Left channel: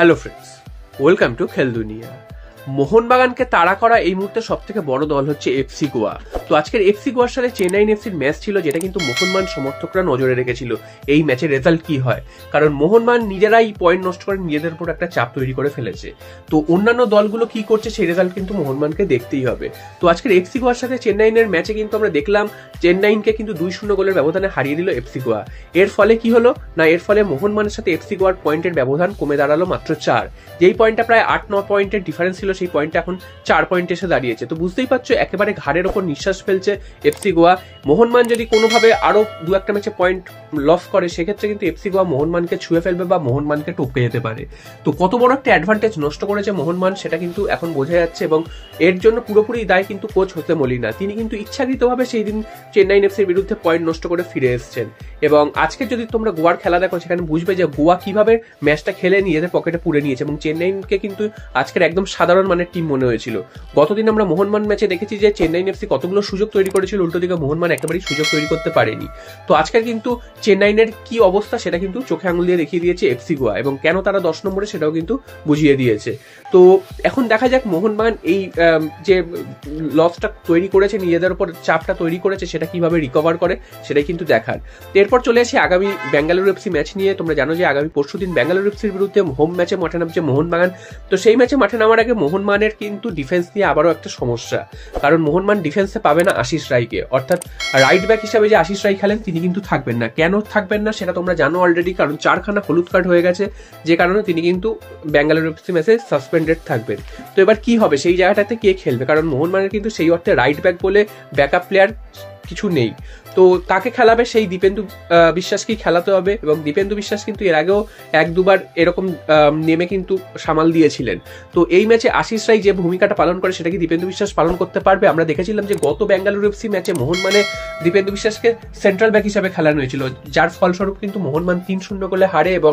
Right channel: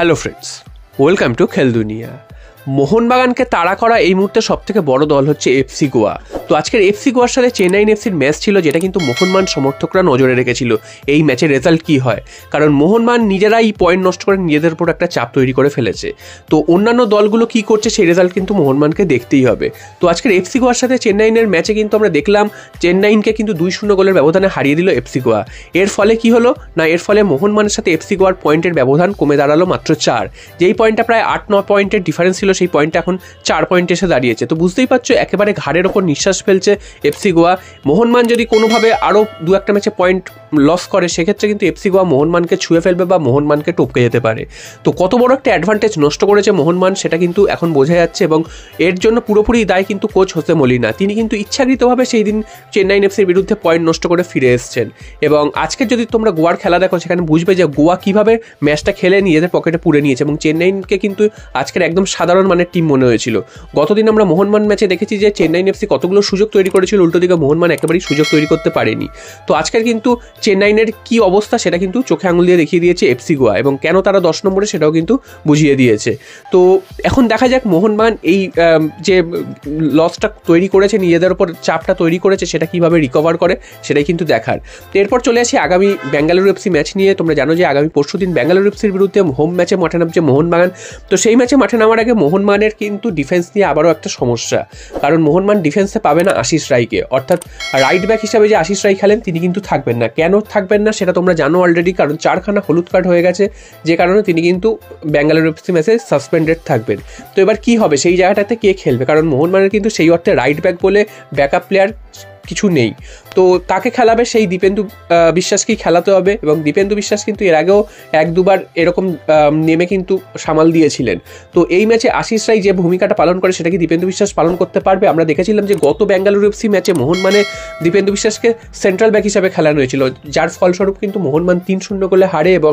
Hello friends, welcome to খেল দুনিয়া। মোহনবাগানকে তাড়া করা এই মুহূর্তে সবথেকে বড় দল হচ্ছে এফসি গোয়া। তো আজকের এফসি গোয়ার সাথে চেন্নাইন এফসির ম্যাচ ছিল, যেটা কিন্তু মোহনবাগান সমর্থকরা নজরে রেখেছিল এই ম্যাচের রেজাল্ট কী হয়, কারণ মোহনবাগান নিজেরাই পয়েন্ট নষ্ট করে নিজেদের উপর একটা চাপ তৈরি করে ফেলেছে। তো অন্যান্য দলগুলো কী করছে সেই রেজাল্ট কিন্তু মোহনবাগানকে দেখতেই হবে। তো আজকের এফসি গোয়ার সাথে চেন্নাইনের ম্যাচে কিন্তু আমরা দেখলাম চেন্নাইনকে কিন্তু 2-0 গোলের ব্যবধানে হারিয়ে দিল এফসি গোয়া। এর ফলে কি হলো না, এর ফলে মোহনবাগানের সাথে এফসি গোয়ার পয়েন্টের ব্যবধান কমে দাঁড়ালো মাত্র 4। যেই পয়েন্টটা প্রায় 8-9 পয়েন্টের ডিফারেন্স ছিল, সেই পয়েন্টটা এখন 4 পয়েন্টে এসে দাঁড়িয়েছে। তো বুঝতেই পারছো একেবারে ঘাড়ের ওপর নিঃশ্বাস ফেলছে এফসি গোয়া। মোহনবাগান যদি কোনোভাবে আরও 2-1টা ম্যাচে পয়েন্ট লস করে, সেক্ষেত্রে কিন্তু এফসি গোয়া মোহনবাগানকে ছুঁয়ে ফেলবে বা মোহনবাগানকে টপকে যেতে পারে। তো কত বড় একটা অ্যাডভান্টেজ নষ্ট করেছে মোহনবাগান সেটা কিন্তু এখন বোঝা যাচ্ছে, এবং এর জন্য পুরোপুরি দায় কিন্তু কোচ হোসে মলিনা। তিনি কিন্তু ইচ্ছাকৃতভাবে সেই দিন চেন্নাইন এফসির বিরুদ্ধে পয়েন্ট নষ্ট করে ফিরে এসেছেন। এবং আজকে যদি তোমরা গোয়ার খেলা দেখো, সেখানে বুঝবে যে গোয়া কীভাবে ম্যাচটা খেলে নিজেদের পকেটে পুরে নিয়েছে, এবং চেন্নাইনকে কিন্তু আজকের একদম সাধারণ মানের টিম মনে হয়েছিল। গতদিন আমরা মোহনবাগান ম্যাচে দেখেছি যে চেন্নাইন এফসি কতগুলো সুযোগ তৈরি করেছিল, উল্টো দিকে মোহনবাগান একেবারেই সুযোগ তৈরি করতে পারেনি। তো আজকের কিন্তু চেন্নাইনের কি অবস্থা সেটা কিন্তু চোখে আঙুল দিয়ে দেখিয়ে দিয়েছে এফসি গোয়া, এবং কেন তারা 10 নম্বরে সেটাও কিন্তু বুঝিয়ে দিয়েছে। তো এখন দেখা যাক মোহনবাগান এই যে লসটা তৈরি করেছে, নিজেদের ওপর চাপটা তৈরি করেছে, সেটা কিভাবে রিকভার করে সেটাই কিন্তু দেখার। তো এরপর চলে আসি আগামী বেঙ্গালুরু এফসি ম্যাচ নিয়ে। তোমরা জানো যে আগামী পরশুদিন বেঙ্গালুরু এফসির বিরুদ্ধে হোম ম্যাচে মাঠে নামছে মোহনবাগান। তো সেই ম্যাচে মাঠে নামার আগে মোহনবাগানের কিন্তু ডিফেন্স নিয়ে আবারও একটা সমস্যা, কারণ মোহনবাগান ডিফেন্সে পাবে না আশিস রায়কে, অর্থাৎ রাইট ব্যাক হিসাবে যে আশিস রায় খেলেন তিনি কিন্তু থাকবেন না। কেন থাকবেন না সেটা তোমরা জানো অলরেডি, কারণ 4খানা হলুদ কার্ড হয়ে গেছে, যে কারণে তিনি কিন্তু বেঙ্গালুরু এফসি ম্যাচে সাসপেন্ডেড থাকবেন। তো এবার কি হবে, সেই জায়গাটাতে কে খেলবে, কারণ মোহনবাগানের কিন্তু সেই অর্থে রাইট ব্যাক বলে ব্যাকআপ প্লেয়ার কিছু নেই। তো তাকে খেলাবে সেই দীপেন্দু বিশ্বাসকেই খেলাতে হবে, এবং দীপেন্দু বিশ্বাস কিন্তু এর আগেও 1-2বার এরকম নেমে কিন্তু সামাল দিয়েছিলেন। তো এই ম্যাচে আশিস রায় যে ভূমিকাটা পালন করে সেটা কি দীপেন্দু বিশ্বাস পালন করতে পারবে? আমরা দেখেছিলাম যে গত বেঙ্গালুরু এফসি ম্যাচে মোহনবাগানে দীপেন্দু বিশ্বাসকে সেন্ট্রাল ব্যাক হিসাবে খেলানো হয়েছিল, যার ফলস্বরূপ কিন্তু মোহনবাগান 3-0 গোলে হারে, এবং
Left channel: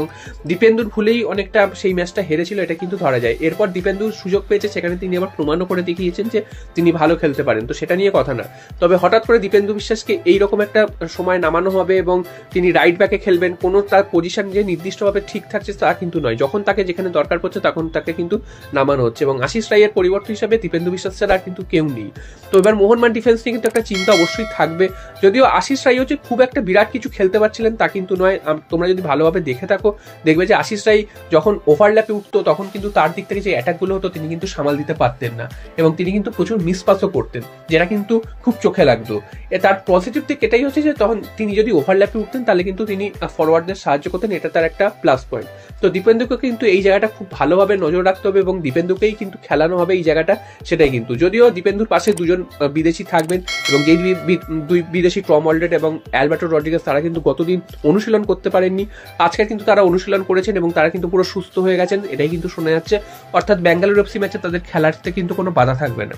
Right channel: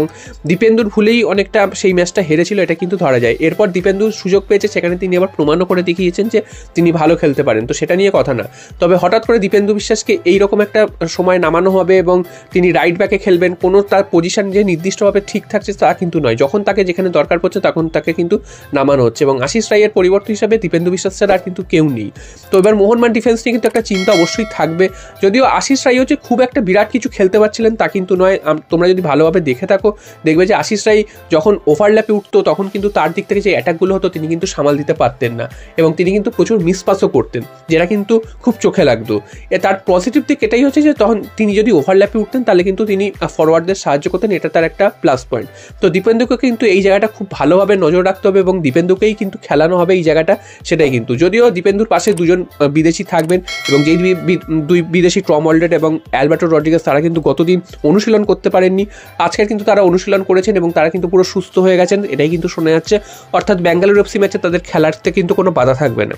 দীপেন্দুর ভুলেই অনেকটা সেই ম্যাচটা হেরেছিল, এটা কিন্তু ধরা যায়। এরপর দীপেন্দু সুযোগ পেয়েছে, সেখানে তিনি আবার প্রমাণও করে দেখিয়েছেন যে তিনি ভালো খেলতে পারেন, তো সেটা নিয়ে কথা না। তবে হঠাৎ করে দীপেন্দু বিশ্বাসকে এইরকম একটা সময় নামানো হবে এবং তিনি রাইট ব্যাকে খেলবেন, কোনো তার পজিশন যে নির্দিষ্টভাবে ঠিক থাকছে তা কিন্তু নয়। যখন তাকে যেখানে দরকার পড়ছে তখন তাকে কিন্তু নামানো হচ্ছে, এবং আশিস রায়ের পরিবর্তন হিসাবে দীপেন্দু বিশ্বাস ছাড়া আর কিন্তু কেউ নেই। তো এবার মোহনবাগান ডিফেন্স নিয়ে কিন্তু একটা চিন্তা অবশ্যই থাকবে, যদিও আশিস রায় হচ্ছে খুব একটা বিরাট কিছু খেলতে পারছিলেন তা কিন্তু নয়। তোমরা যদি ভালোভাবে দেখে থাকো দেখবে যে আশিস রায় যখন ওভারল্যাপে উঠতো তখন কিন্তু তার দিক থেকে যে অ্যাটাকগুলো হতো তিনি কিন্তু সামাল দিতে পারতেন না, এবং তিনি কিন্তু প্রচুর মিসপাসও করতেন, যেটা কিন্তু খুব চোখে লাগতো। তার পজিটিভ দিক এটাই হচ্ছে যে তখন তিনি যদি ওভারল্যাপে উঠতেন তাহলে কিন্তু তিনি ফরওয়ার্ডদের সাহায্য করতেন, এটা তার একটা প্লাস পয়েন্ট। তো দীপেন্দুকে কিন্তু এই জায়গাটা খুব ভালোভাবে নজর রাখতে হবে, এবং দীপেন্দুকেই কিন্তু খেলানো হবে এই জায়গাটা, সেটাই কিন্তু। যদিও দীপেন্দুর পাশে 2জন বিদেশি থাকবেন, এবং যেই 2 বিদেশি টম অলরেড এবং অ্যালবার্টো রড্রিগেজ তারা কিন্তু গতদিন অনুশীলন করতে পারেননি, আজকে কিন্তু তারা অনুশীলন করেছেন এবং তারা কিন্তু পুরো সুস্থ হয়ে গেছেন, এটাই কিন্তু শোনা যাচ্ছে। অর্থাৎ বেঙ্গালুরু এফসি ম্যাচে তাদের খেলাতে কিন্তু কোনো বাধা থাকবে না।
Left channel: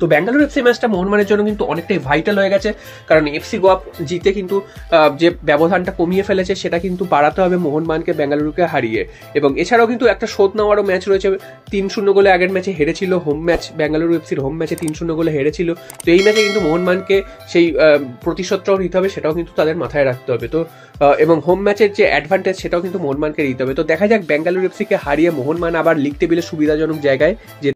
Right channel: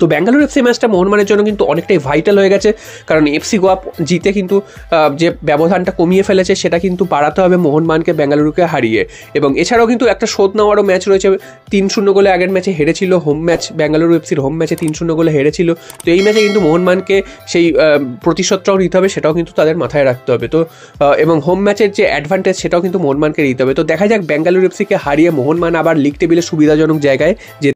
তো বেঙ্গালুরু এফসি ম্যাচটা মোহনবাগানের জন্য কিন্তু অনেকটাই ভাইটাল হয়ে গেছে, কারণ এফসি গোয়া জিতে কিন্তু যে ব্যবধানটা কমিয়ে ফেলেছে সেটা কিন্তু বাড়াতে হবে মোহনবাগানকে বেঙ্গালুরুকে হারিয়ে। এবং এছাড়াও কিন্তু একটা শোধ নেওয়ারও ম্যাচ রয়েছে, 3-0 গোলে আগের ম্যাচে হেরেছিল হোম ম্যাচ, বেঙ্গালুরু এফসির হোম ম্যাচে 3-0 গোলে হেরেছিল। তো এই ম্যাচে কিন্তু মোহনবাগানকে সেই প্রতিশোধটাও নিতে হবে, সেটাও কিন্তু তাদের মাথায় রাখতে হবে। তো এবং হোম ম্যাচের যে অ্যাডভান্টেজ সেটাও কিন্তু মোহনবাগানকে নিতে হবে। তো দেখা যাক বেঙ্গালুরু এফসিকে হারিয়ে মোহনবাগান আবার লিগ টেবিলে সুবিধাজনক জায়গায় যে